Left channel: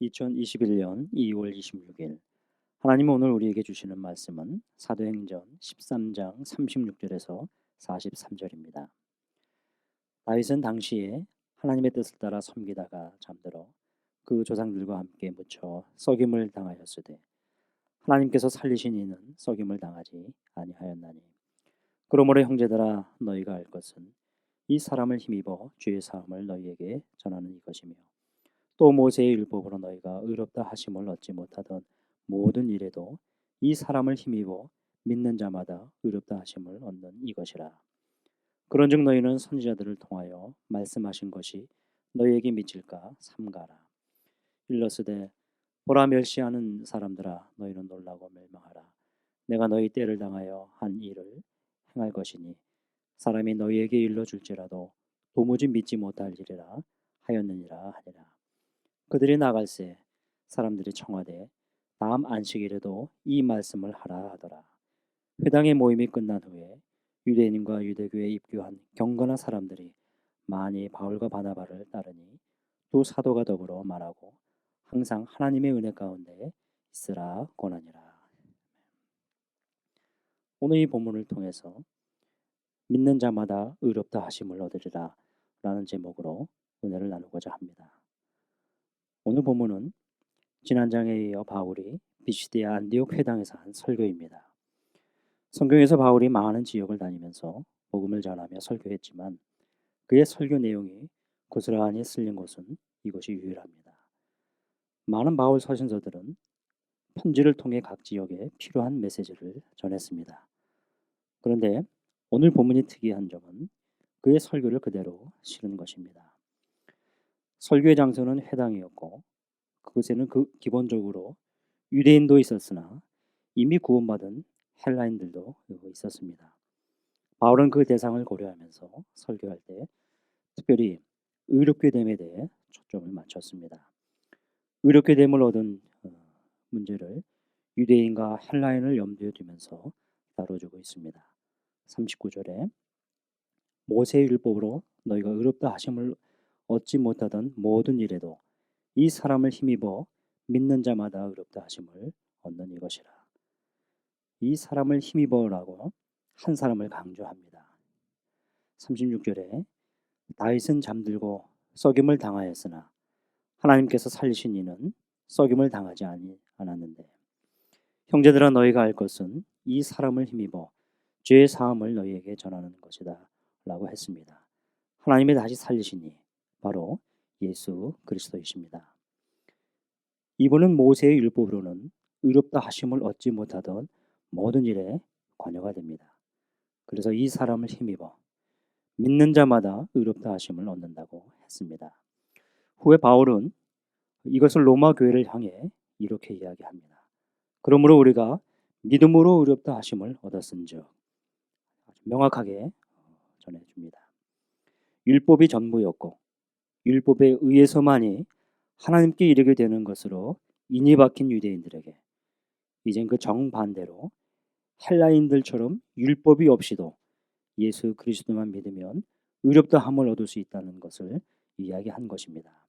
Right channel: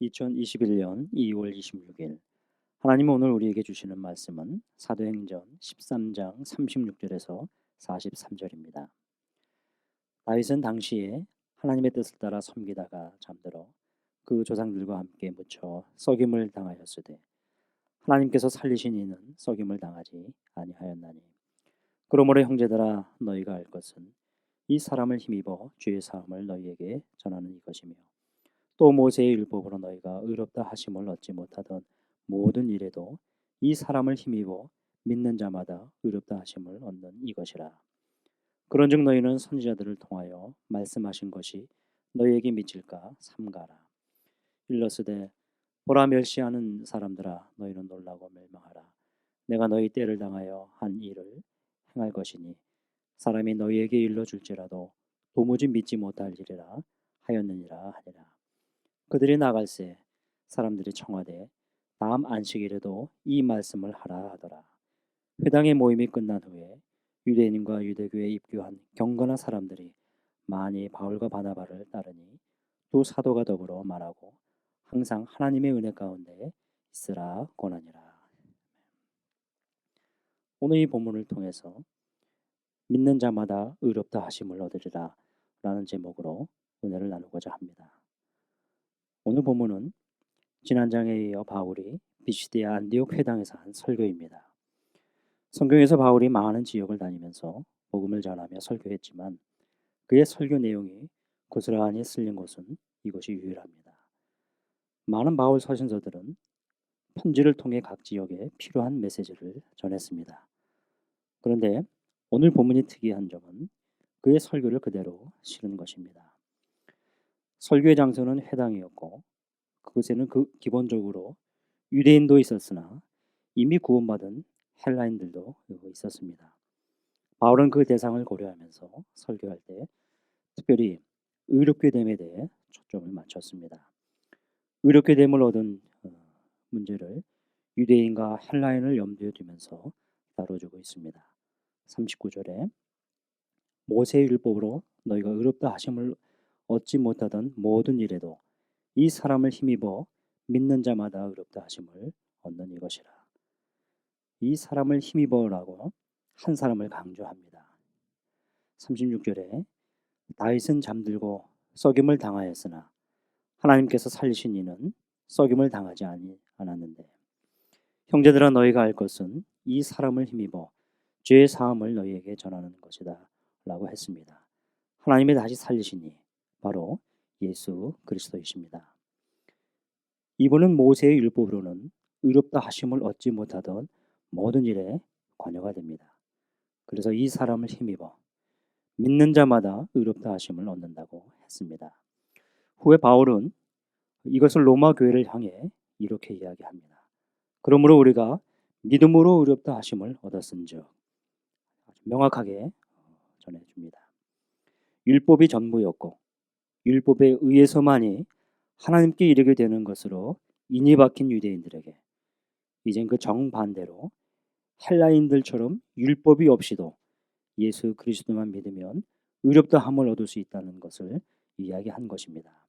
(2021년 2월 26일) 하나님은 오늘 우리에게 주시는 말씀은 사도행전 13장 36절에서 43절입니다. 다윗은 당시에 하나님의 뜻을 따라 섬기다가 잠들어 그 조상들과 함께 묻혀 썩임을 당하였으되 하나님께서 살리신 이는 썩임을 당하지 아니하였나니, 그러므로 형제들아, 너희가 알 것은 이 사람을 힘입어 죄의 사함을 너희에게 전하는 이것이며, 또 모세의 율법으로 너희가 의롭다 하심을 얻지 못하던 모든 일에도 이 사람을 힘입어 믿는 자마다 의롭다 하심을 얻는 이것이라. 그런즉 너희는 선지자들을 통하여 말씀하신 것이 너희에게 미칠까 삼가라. 일러스되 보라, 멸시하는 사람들아, 너희는 놀라고 멸망하라. 내가 너희 때를 당하여 한 일을 행할 것이니 사람이 너희에게 일러줄지라도 도무지 믿지 못할 일이라 하였느니라 하니라. 그들이 나갈새 사람들이 청하되 다음 안식일에도 이 말씀을 하라 하더라. 회당의 모임이 끝난 후에 유대인과 유대교에 입교한 경건한 사람들이 많이 바울과 바나바를 따르니 두 사도가 더불어 말하고 항상 하나님의 은혜 가운데 있으라 권하니라. 오늘 이 본문을 통해서 믿는 자마다 의롭다 하심을 얻으리라 라는 제목으로 은혜를 나누고자 합니다. 오늘 본문은 지난 장에 이어 바울이 비시디아 안디옥 회당에서 한 설교입니다. 성경에서 바울이 많은 지역을 다니면서 복음을 전하며 설교했지만 그의 설교 내용이 고스란히 쓸린 곳은 이곳이 유일합니다. 많은 바울 서신서들은 편지를 통해 각 지역에 필요한 메시지를 전했습니다. 그런데 오늘 본문이 특이한 점은 그의 설교를 그대로 실은 것입니다. 설교의 장소는 회당이었고 그곳에는 기본적으로 유대인도 있었으나 이미 구원받은 헬라인들도 있었습니다. 바울은 그 대상을 고려하면서 설교할 때 특별히 의롭게 됨에 대해 초점을 맞췄습니다. 의롭게 됨을 얻은 문제를 유대인과 헬라인을 염두에 두면서 다뤄주고 있습니다. 39절에 모세의 율법으로 너희가 의롭다 하심을 얻지 못하던 모든 일에도 이 사람을 힘입어 믿는 자마다 의롭다 하심을 얻는 이것이라. 이 사람을 힘입어라고 한 사람을 강조합니다. 36절에 다윗은 잠들고 썩임을 당하였으나 하나님께서 살리신 이는 썩임을 당하지 않았는데, 형제들아, 너희가 알 것은 이 사람을 힘입어 죄의 사함을 너희에게 전하는 것이다 라고 했습니다. 하나님이 다시 살리시니 바로 예수 그리스도이십니다. 이분은 모세의 율법으로는 의롭다 하심을 얻지 못하던 모든 일에 관여가 됩니다. 그래서 이 사람을 힘입어 믿는 자마다 의롭다 하심을 얻는다고 했습니다. 후에 바울은 이것을 로마 교회를 향해 이렇게 이야기합니다. 그러므로 우리가 믿음으로 의롭다 하심을 얻었은즉, 아주 명확하게 전해줍니다. 율법이 전부였고 율법에 의해서만이 하나님께 이르게 되는 것으로 인이 박힌 유대인들에게 이젠 그 정반대로 헬라인들처럼 율법이 없이도 예수 그리스도만 믿으면 의롭다 함을 얻을 수 있다는 것을 이야기한 것입니다.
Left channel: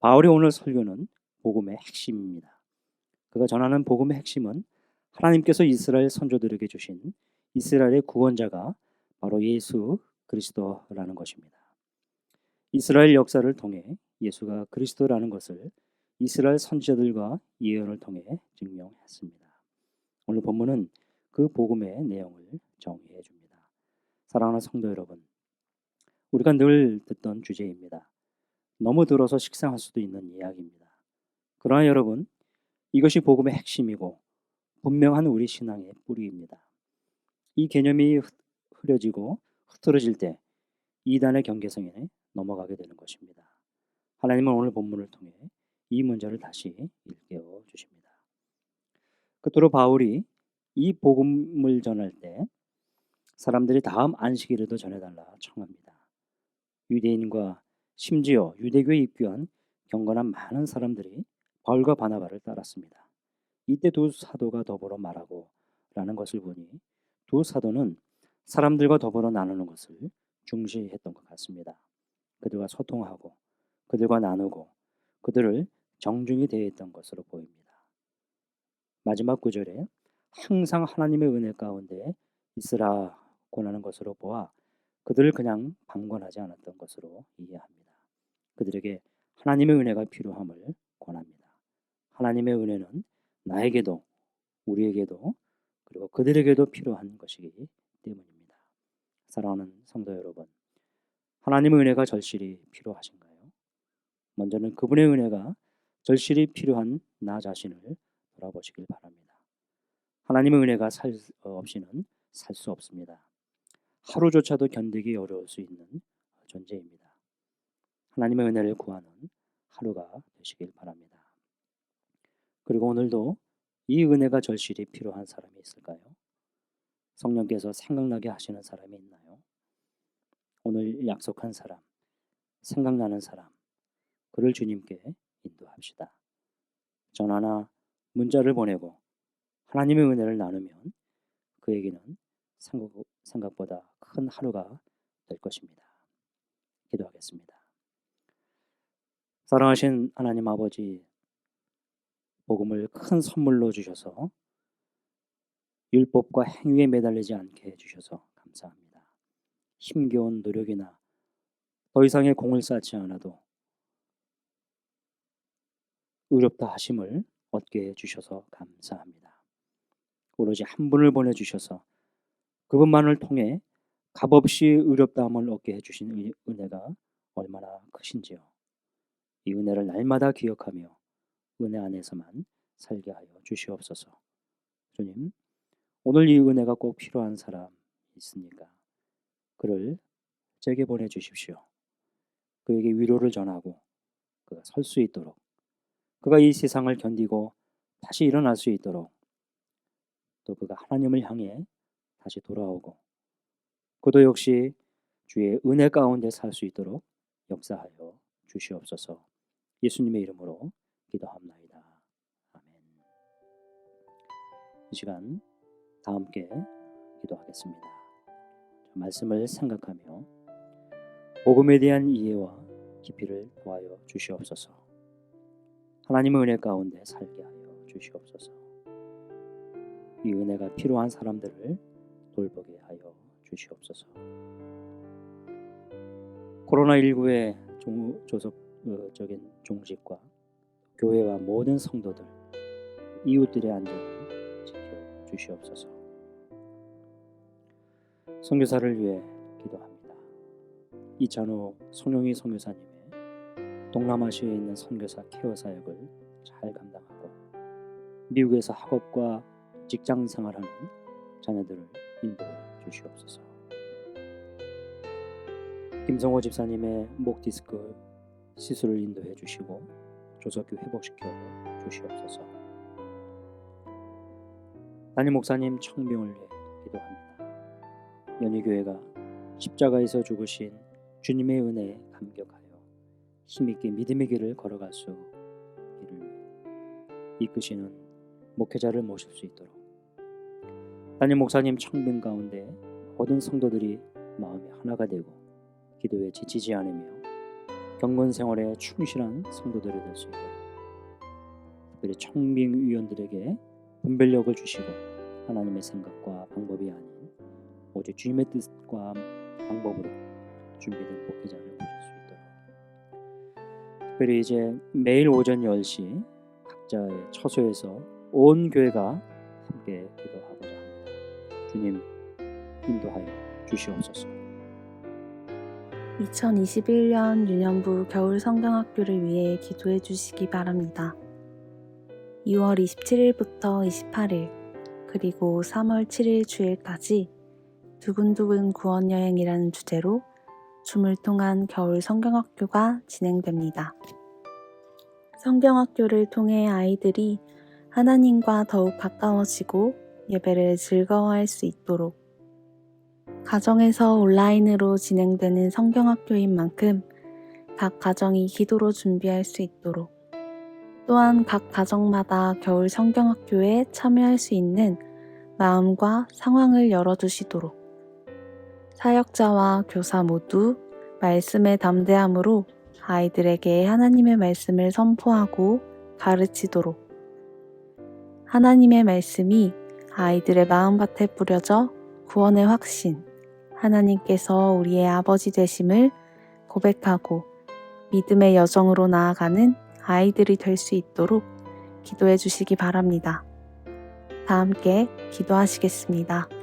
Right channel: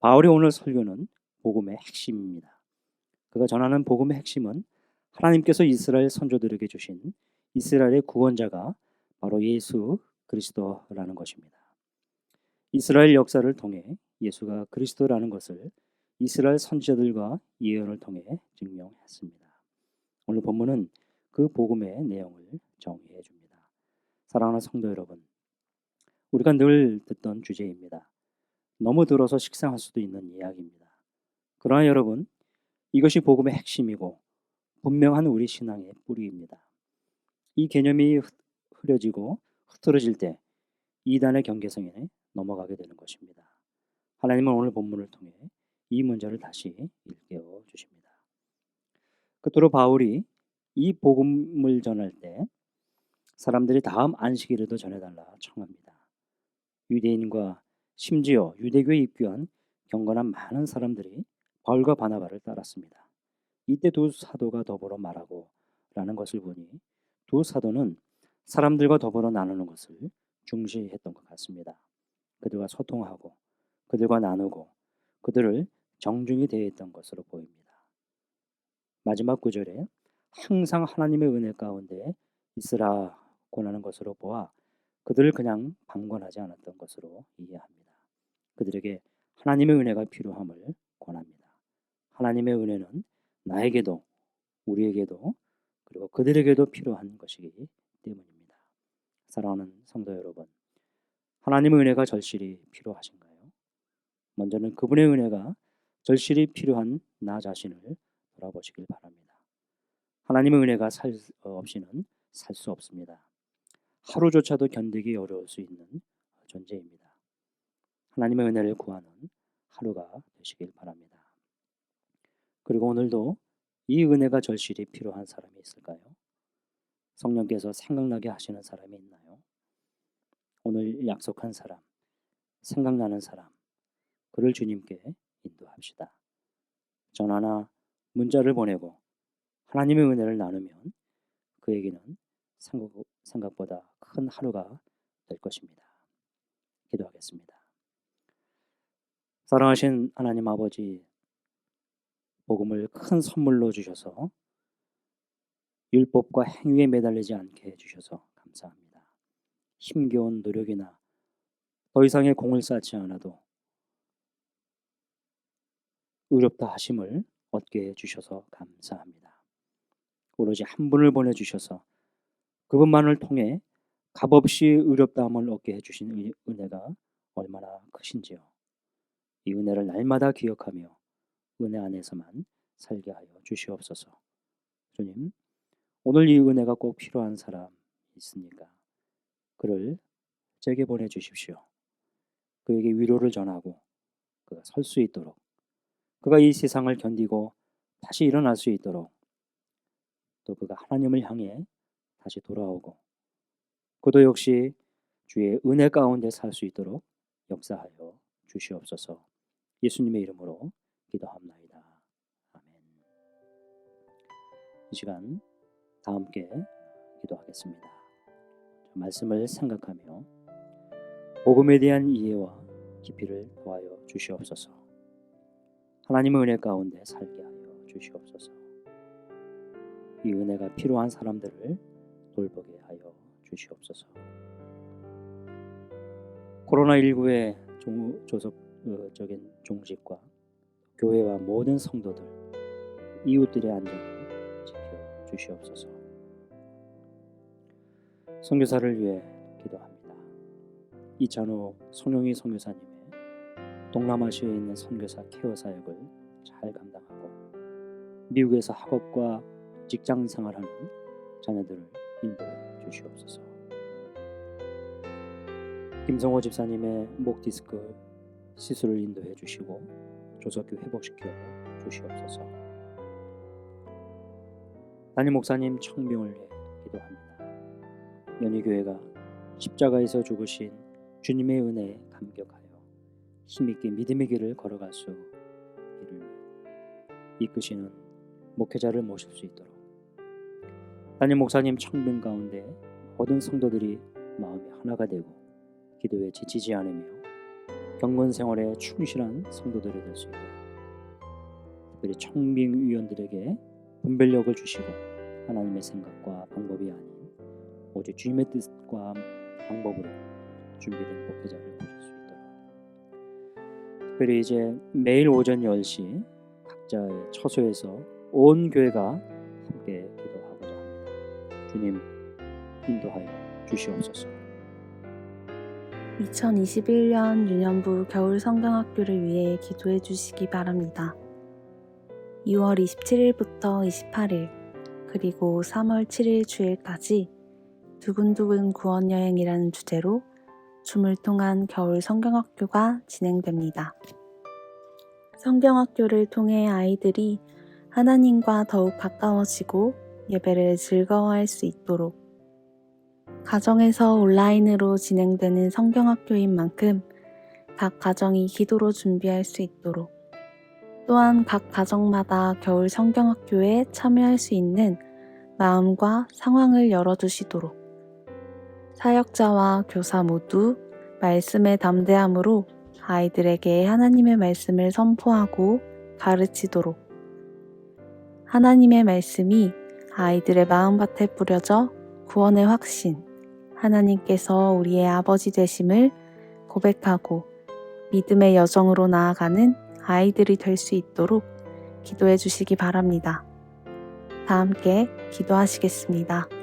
바울의 오늘 설교는 복음의 핵심입니다. 그가 전하는 복음의 핵심은 하나님께서 이스라엘 선조들에게 주신 이스라엘의 구원자가 바로 예수 그리스도라는 것입니다. 이스라엘 역사를 통해 예수가 그리스도라는 것을 이스라엘 선지자들과 예언을 통해 증명했습니다. 오늘 본문은 그 복음의 내용을 정의해 줍니다. 사랑하는 성도 여러분, 우리가 늘 듣던 주제입니다. 너무 들어서 식상할 수도 있는 이야기입니다. 그러나 여러분, 이것이 복음의 핵심이고 분명한 우리 신앙의 뿌리입니다. 이 개념이 흐려지고 흐트러질 때 이단의 경계성에 넘어가게 되는 것입니다. 하나님은 오늘 본문을 통해 이 문제를 다시 일깨워 주십니다. 끝으로 바울이 이 복음을 전할 때 사람들이 다음 안식일에도 전해달라 청합니다. 유대인과 심지어 유대교에 입교한 경건한 많은 사람들이 바울과 바나바를 따랐습니다. 이때 두 사도가 더불어 말하고 라는 것을 보니 두 사도는 사람들과 더불어 나누는 것을 중시했던 것 같습니다. 그들과 소통하고 그들과 나누고 그들을 정중히 대했던 것으로 보입니다. 마지막 구절에 항상 하나님의 은혜 가운데 있으라 권하는 것으로 보아 그들을 그냥 방관하지 않았던 것으로 이해합니다. 그들에게 하나님의 은혜가 필요함을 권합니다. 하나님의 은혜는 나에게도 우리에게도 그리고 그들에게도 필요한 것이기 때문입니다. 사랑하는 성도 여러분, 하나님의 은혜가 절실히 필요하신가요? 먼저는 그분의 은혜가 절실히 필요한 나 자신을 돌아보시길 바랍니다. 하나님의 은혜가 없이는 살 수 없습니다. 하루조차도 견디기 어려울 수 있는 존재입니다. 하나님의 은혜를 구하는 하루가 되시길 바랍니다. 그리고 오늘도 이 은혜가 절실히 필요한 사람이 있을까요? 성령께서 생각나게 하시는 사람이 있나요? 오늘 약속한 사람, 생각나는 사람, 그를 주님께 인도합시다. 전화나 문자를 보내고 하나님의 은혜를 나누면 그에게는 생각보다 큰 하루가 될 것입니다. 기도하겠습니다. 사랑하신 하나님 아버지, 복음을 큰 선물로 주셔서 율법과 행위에 매달리지 않게 해주셔서 감사합니다. 힘겨운 노력이나 더 이상의 공을 쌓지 않아도 의롭다 하심을 얻게 해주셔서 감사합니다. 오로지 한 분을 보내주셔서 그분만을 통해 값없이 의롭다함을 얻게 해주신 은혜가 얼마나 크신지요. 이 은혜를 날마다 기억하며 은혜 안에서만 살게 하여 주시옵소서. 주님, 오늘 이 은혜가 꼭 필요한 사람 있습니까? 그를 제게 보내주십시오. 그에게 위로를 전하고 그가 설 수 있도록, 그가 이 세상을 견디고 다시 일어날 수 있도록, 또 그가 하나님을 향해 다시 돌아오고 그도 역시 주의 은혜 가운데 살 수 있도록 역사하여 주시옵소서. 예수님의 이름으로 기도합나이다. 아멘. 이 시간 다 함께 기도하겠습니다. 말씀을 생각하며 복음에 대한 이해와 깊이를 더하여 주시옵소서. 하나님의 은혜 가운데 살게 하여 주시옵소서. 이 은혜가 필요한 사람들을 돌보게 하여 주시옵소서. 코로나19의 조속적인 종식과 교회와 모든 성도들, 이웃들의 안전을 지켜 주시옵소서. 선교사를 위해 기도합니다. 이찬호 송영희 선교사님의 동남아시아에 있는 선교사 케어 사역을 잘 감당하고 미국에서 학업과 직장 생활하는 자녀들을 인도해 주시옵소서. 김성호 집사님의 목 디스크 시술을 인도해 주시고 조속히 회복시켜 주시옵소서. 담임 목사님 청병을 위해 기도합니다. 연희교회가 십자가에서 죽으신 주님의 은혜에 감격하여 힘있게 믿음의 길을 걸어갈 수 있기를 이끄시는 목회자를 모실 수 있도록 담임 목사님 청빙 가운데 모든 성도들이 마음이 하나가 되고 기도에 지치지 않으며 경건 생활에 충실한 성도들이 될 수 있도록 특별히 청빙위원들에게 분별력을 주시고 하나님의 생각과 방법이 아닌 오직 주님의 뜻과 방법으로 준비된 목회자를 모실 수 있도록 특별히 이제 매일 오전 10시 각자의 처소에서 온 교회가 함께 기도하고자 합니다. 주님 인도하여 주시옵소서. 2021년 유년부 겨울 성경학교를 위해 기도해 주시기 바랍니다. 2월 27일부터 28일 그리고 3월 7일 주일까지 두근두근 구원여행이라는 주제로 줌을 통한 겨울 성경학교가 진행됩니다. 성경학교를 통해 아이들이 하나님과 더욱 가까워지고 예배를 즐거워할 수 있도록 가정에서 온라인으로 진행되는 성경학교인 만큼 각 가정이 기도로 준비할 수 있도록 또한 각 가정마다 겨울 성경학교에 참여할 수 있는 마음과 상황을 열어두시도록 사역자와 교사 모두 말씀의 담대함으로 아이들에게 하나님의 말씀을 선포하고 가르치도록, 하나님의 말씀이 아이들의 마음밭에 뿌려져 구원의 확신, 하나님께서 우리의 아버지 되심을 고백하고 믿음의 여정으로 나아가는 아이들이 될 수 있도록 기도해 주시기 바랍니다. 다 함께 기도하시겠습니다.